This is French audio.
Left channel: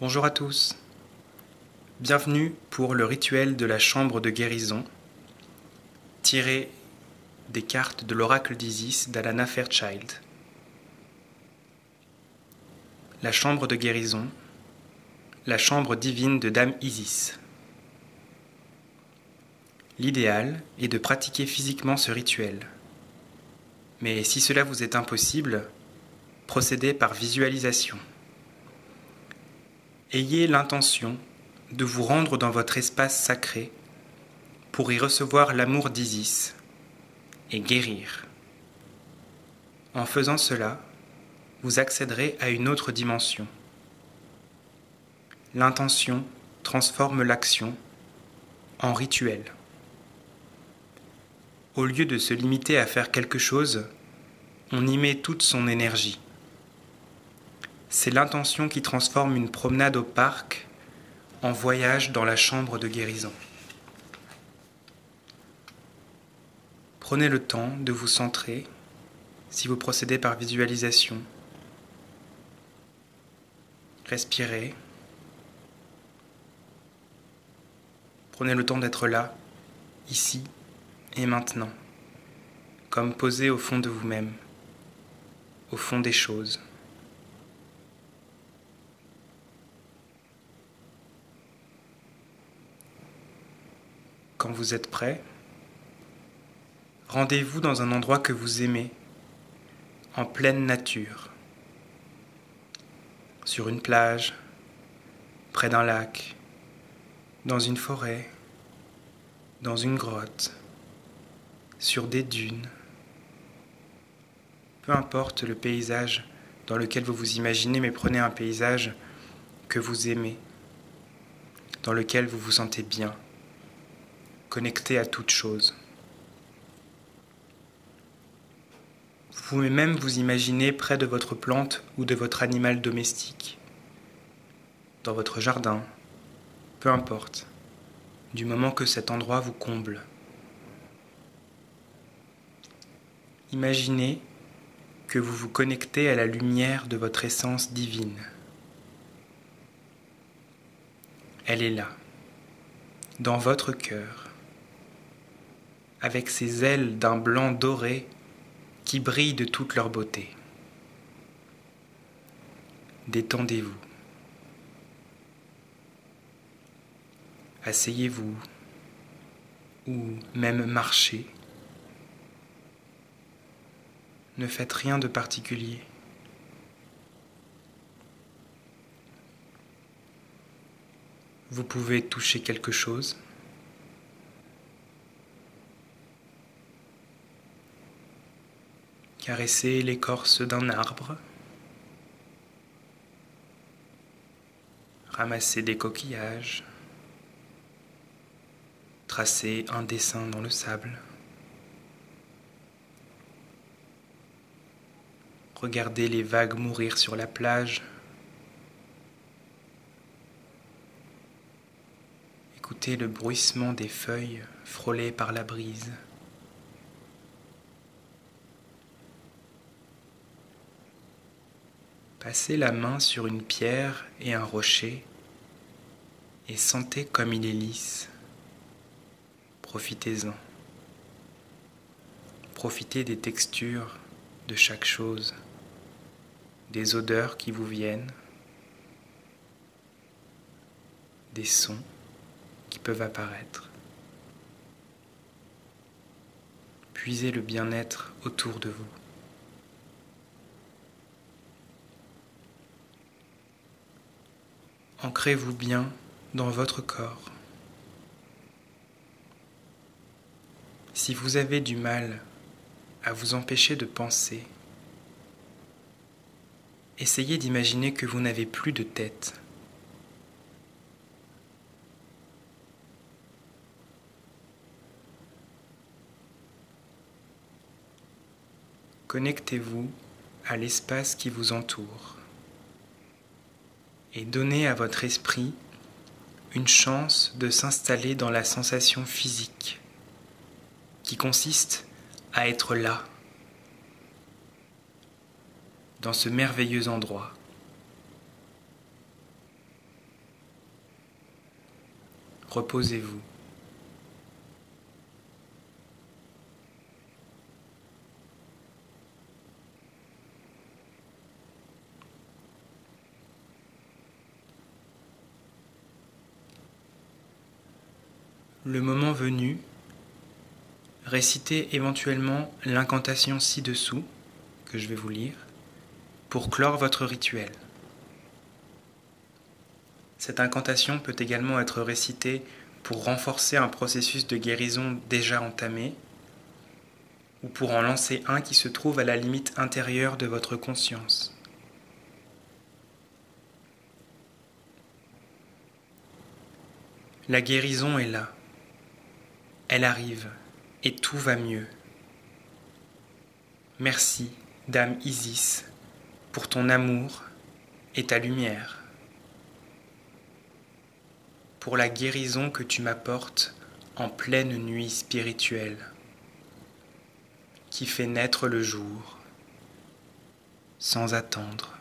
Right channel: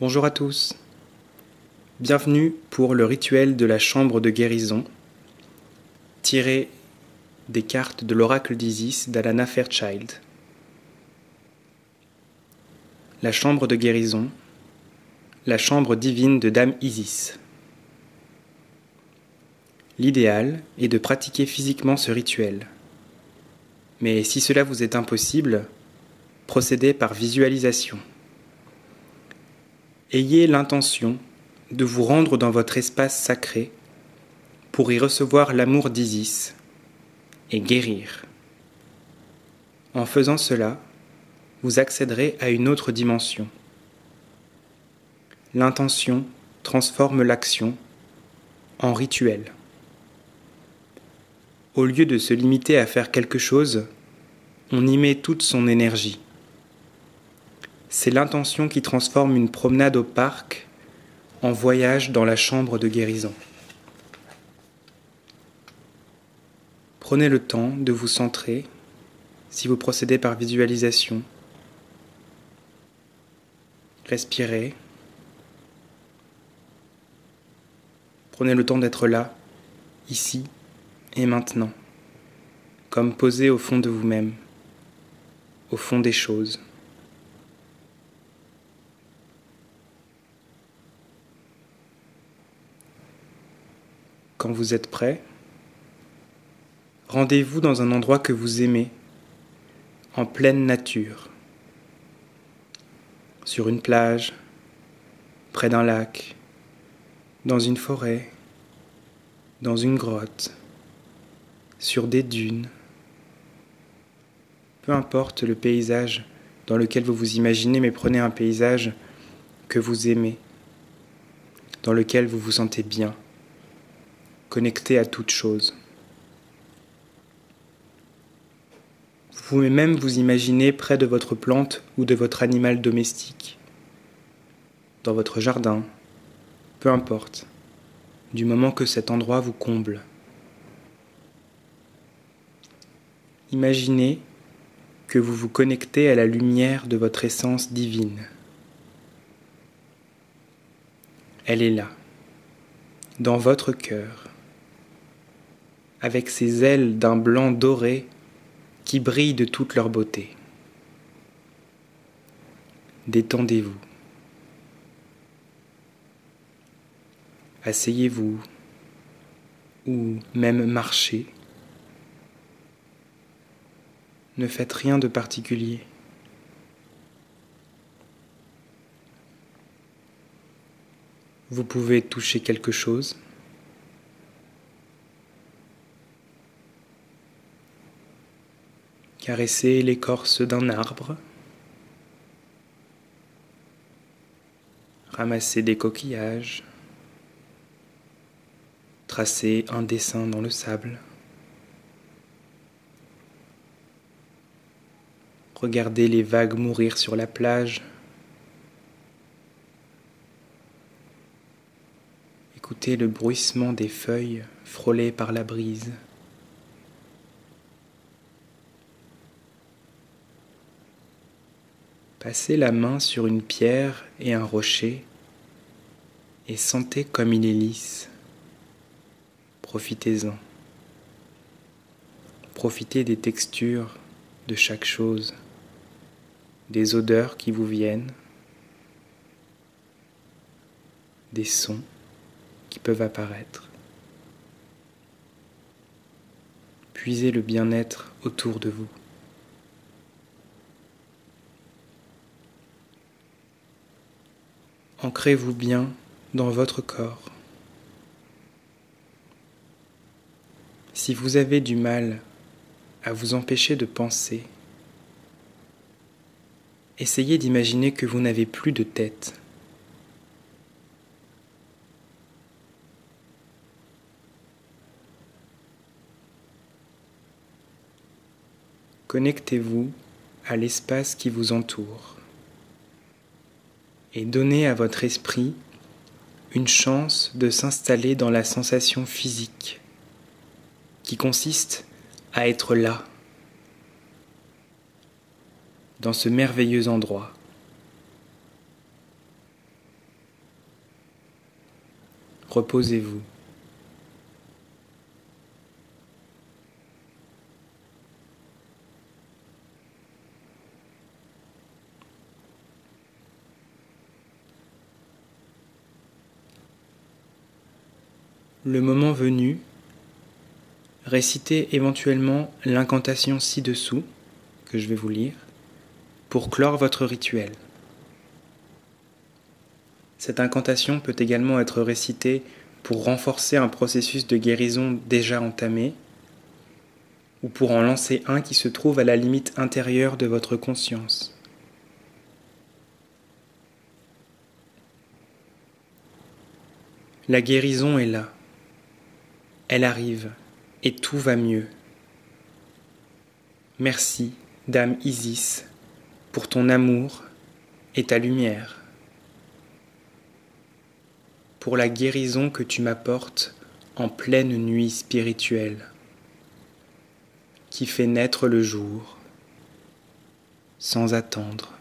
Bonjour à tous, bienvenue pour le rituel de la chambre de guérison, tiré des cartes de l'oracle d'Isis d'Alana Fairchild. La chambre de guérison, la chambre divine de Dame Isis. L'idéal est de pratiquer physiquement ce rituel, mais si cela vous est impossible, procédez par visualisation. Ayez l'intention de vous rendre dans votre espace sacré pour y recevoir l'amour d'Isis et guérir. En faisant cela, vous accéderez à une autre dimension. L'intention transforme l'action en rituel. Au lieu de se limiter à faire quelque chose, on y met toute son énergie. C'est l'intention qui transforme une promenade au parc en voyage dans la chambre de guérison. Prenez le temps de vous centrer si vous procédez par visualisation. Respirez. Prenez le temps d'être là, ici et maintenant, comme posé au fond de vous-même, au fond des choses. Quand vous êtes prêt, rendez-vous dans un endroit que vous aimez, en pleine nature, sur une plage, près d'un lac, dans une forêt, dans une grotte, sur des dunes. Peu importe le paysage dans lequel vous vous imaginez, mais prenez un paysage que vous aimez, dans lequel vous vous sentez bien, connecté à toute chose. Vous pouvez même vous imaginer près de votre plante ou de votre animal domestique, dans votre jardin, peu importe, du moment que cet endroit vous comble. Imaginez que vous vous connectez à la lumière de votre essence divine. Elle est là, dans votre cœur, avec ses ailes d'un blanc doré qui brillent de toute leur beauté. Détendez-vous. Asseyez-vous ou même marchez. Ne faites rien de particulier. Vous pouvez toucher quelque chose. Caresser l'écorce d'un arbre. Ramasser des coquillages. Tracer un dessin dans le sable. Regardez les vagues mourir sur la plage. Écoutez le bruissement des feuilles frôlées par la brise. Passez la main sur une pierre et un rocher et sentez comme il est lisse. Profitez-en. Profitez des textures de chaque chose, des odeurs qui vous viennent, des sons qui peuvent apparaître. Puisez le bien-être autour de vous. Ancrez-vous bien dans votre corps. Si vous avez du mal à vous empêcher de penser, essayez d'imaginer que vous n'avez plus de tête. Connectez-vous à l'espace qui vous entoure et donnez à votre esprit une chance de s'installer dans la sensation physique qui consiste à être là, dans ce merveilleux endroit. reposez-vous. Le moment venu, récitez éventuellement l'incantation ci-dessous, que je vais vous lire, pour clore votre rituel. Cette incantation peut également être récitée pour renforcer un processus de guérison déjà entamé, ou pour en lancer un qui se trouve à la limite intérieure de votre conscience. La guérison est là. Elle arrive, et tout va mieux. Merci, Dame Isis, pour ton amour et ta lumière, pour la guérison que tu m'apportes en pleine nuit spirituelle, qui fait naître le jour, sans attendre.